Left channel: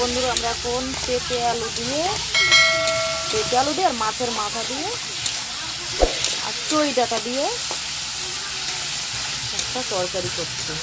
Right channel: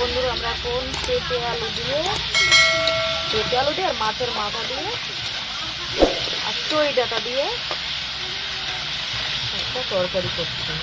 বন্ধুরা আমরা এখন পেঁপে আলু দিয়ে আর মাছের মাথা দিয়ে আর চই ডাঁটা দিয়ে একটা তরকারি করছি।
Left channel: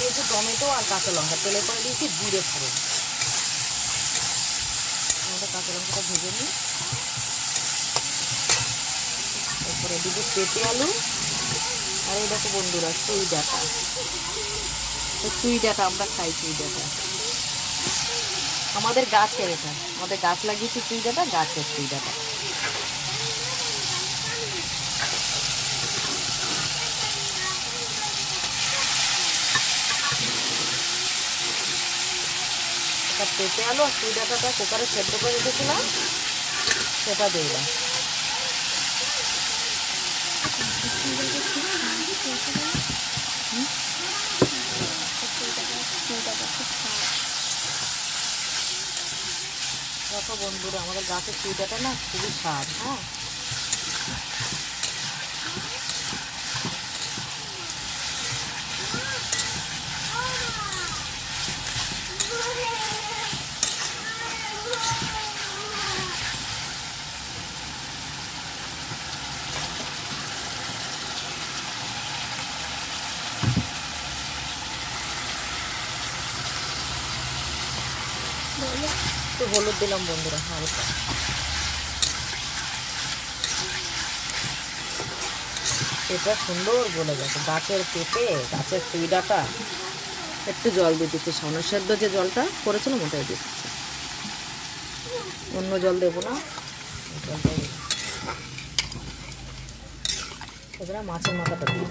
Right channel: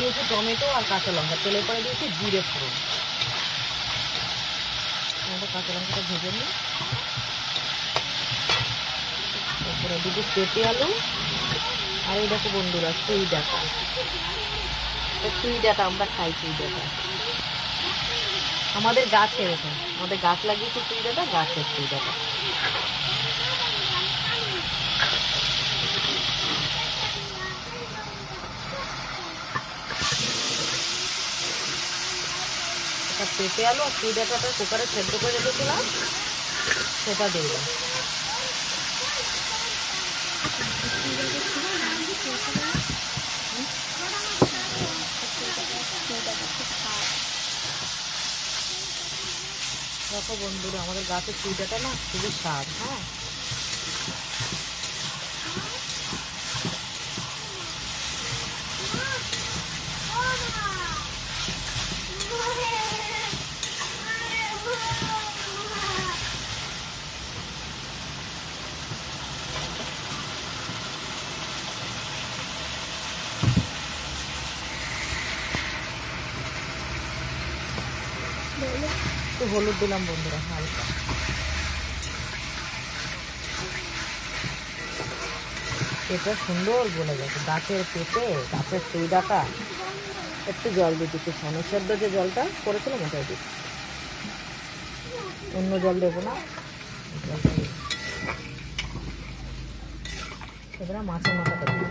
দিয়েছি টমেটো আর কাঁচা লঙ্কা, তেলের পরে দিয়েছি জিরে ফোড়ন। আমাদের কাঁচা লঙ্কাটা ভেজে নিই। তারপরে দিদি পেঁপে আলু আর এই দেখো বন্ধুরা চুই ডাঁটা। চুই ডাঁটা আমরা খাই, চুই ডাঁটা আমাদের গাছে, এটা আমাদের গাছ লাগিয়েছি চুই ডাঁটা, গাছের চুই ডাঁটা। পেঁপে আলু আর চুই ডাঁটাটা কুকারে সেদ্ধ করে রেখেছিলাম, সেটা দিলাম। দেখো বন্ধুরা আমাদের গাছের চুই ডাঁটা না খুবই স্বাদ। হ্যাঁ, হলুদ দিলাম বন্ধুরা হালকা। পেঁপে সুন্দর বলে গেছে, গাছের পেঁপে, গাছের চুই ডাঁটা। একটু জল দিয়ে দিচ্ছি, সামনে সেদ্ধ যে জলটা করেছিলাম ওটাই দিচ্ছি, অন্য জল দেবো না। এবারে মাছের মাথাটা দিয়ে